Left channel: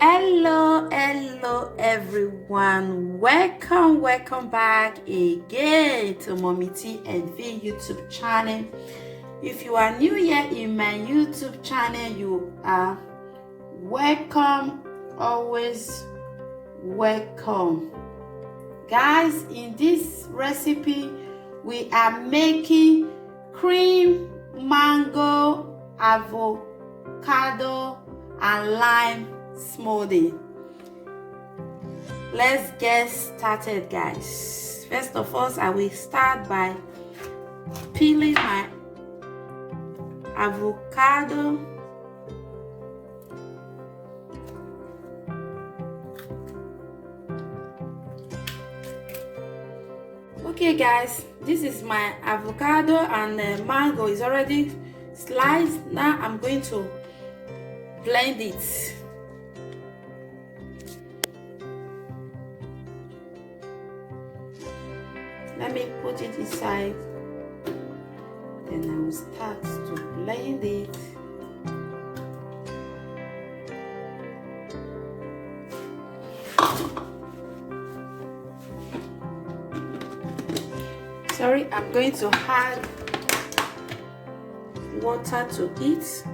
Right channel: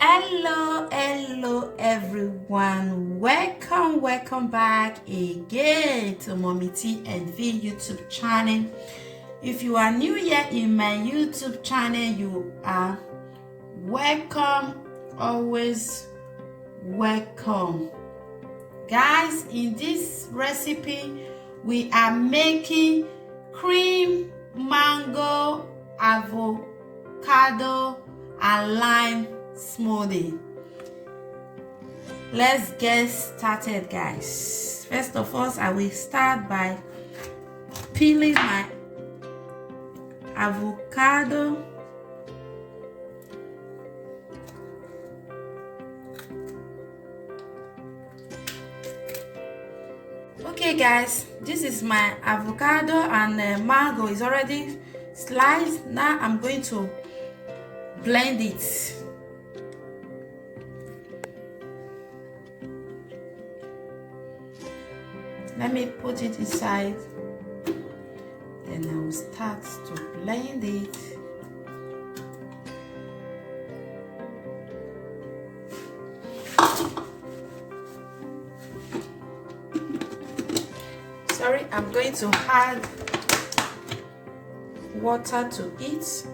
Hello everyone, welcome back again to Mommy TM YouTube channel. If you are new here in my YouTube channel, you are welcome, always welcome. Guys, in this recipe we are making cream mango avocado and lime smoothie. Let's get started, guys. First of all, I will start by peeling my avocado. Okay guys, this is my avocado and the mango is already sliced. Now I'm going to blend it. Let me put it inside, then I will start to blend it. Sorry, I'm going to add water to it.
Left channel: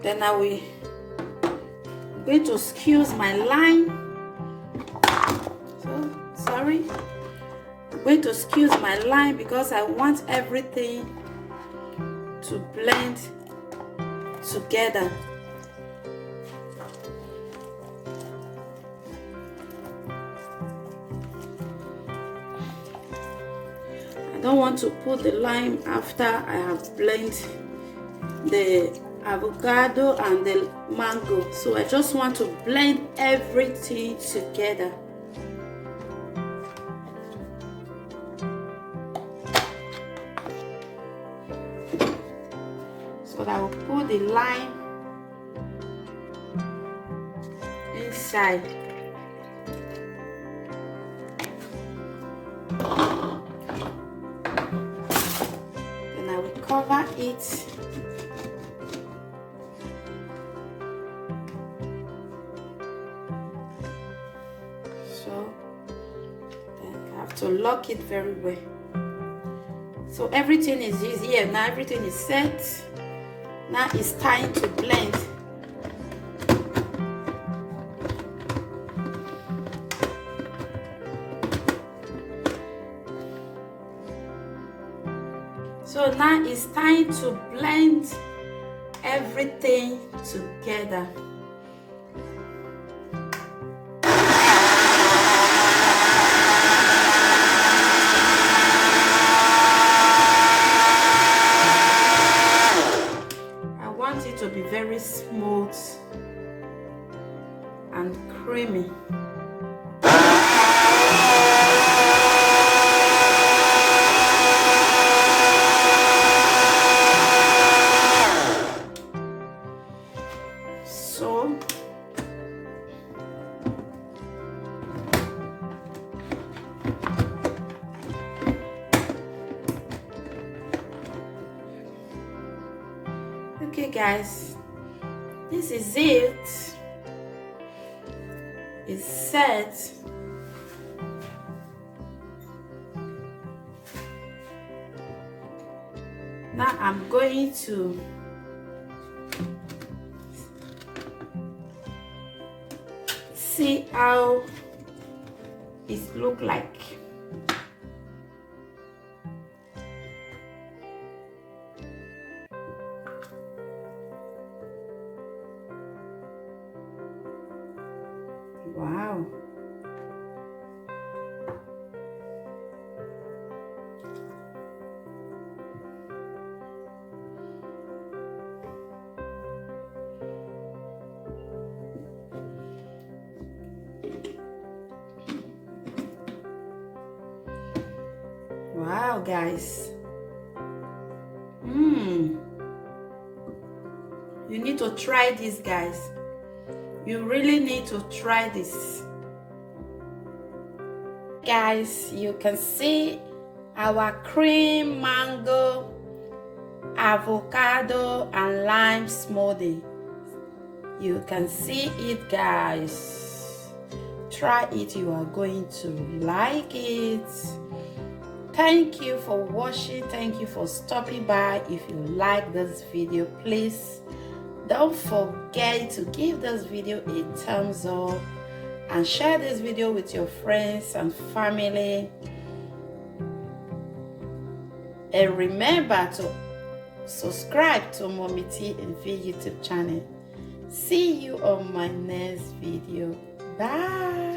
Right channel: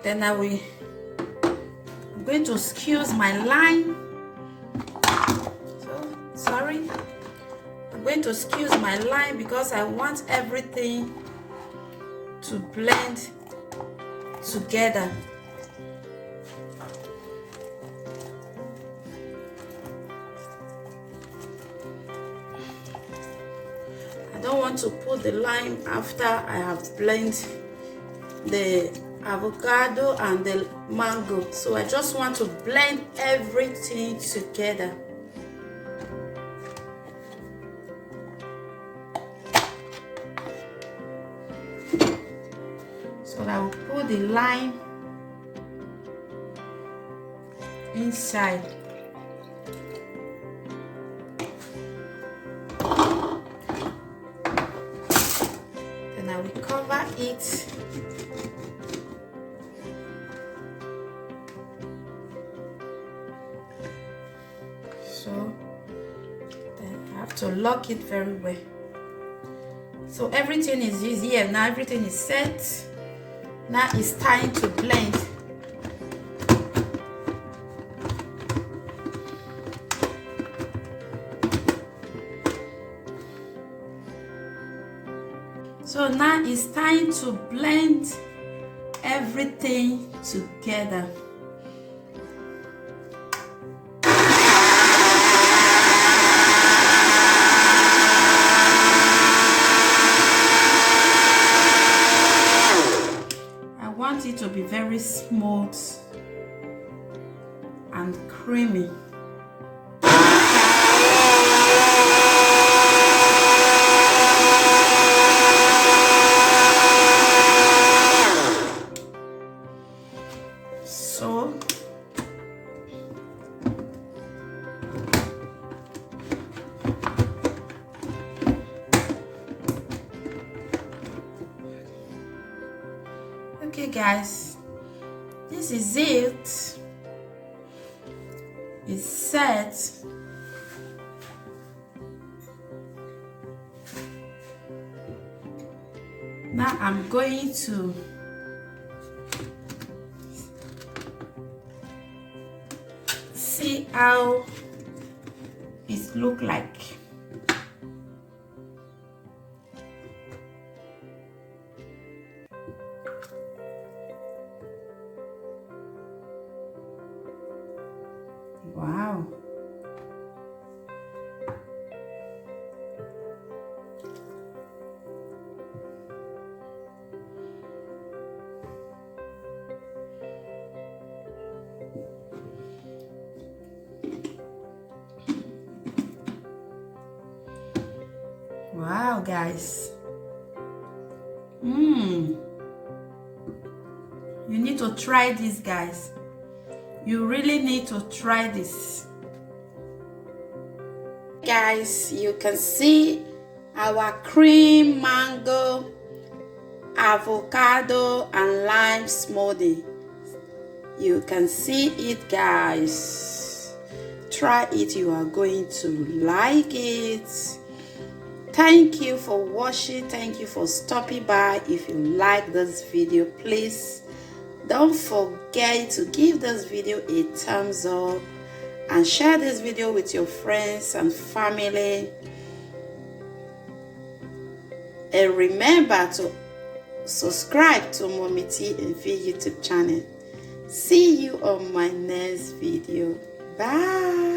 Then I'm going to squeeze my lime. I'm going to squeeze my lime because I want everything to blend together. I don't want to put the lime after I have blended the avocado and the mango, so I just want to blend everything together. So I will put the lime inside. Then I will cover it. So then I have to lock it very well. So everything is easy. Now everything is set. Now it's time to blend. So now it's time to blend everything together. To be very smooth and creamy. So okay guys, this is it. It's set. Now I'm going to see how it looks like. Wow. Wow, guys. You need to try this, guys. You really need to try this. guys, you can see our cream mango, avocado and lime smoothie. You can see it, guys. Try it, you are going to like it. Thank you for watching. Thank you for stopping by. If you like this video, please don't forget to give this video a thumbs up and share this video with your friends and family. And remember to subscribe to mummytvm YouTube channel. See you on my next video. Bye.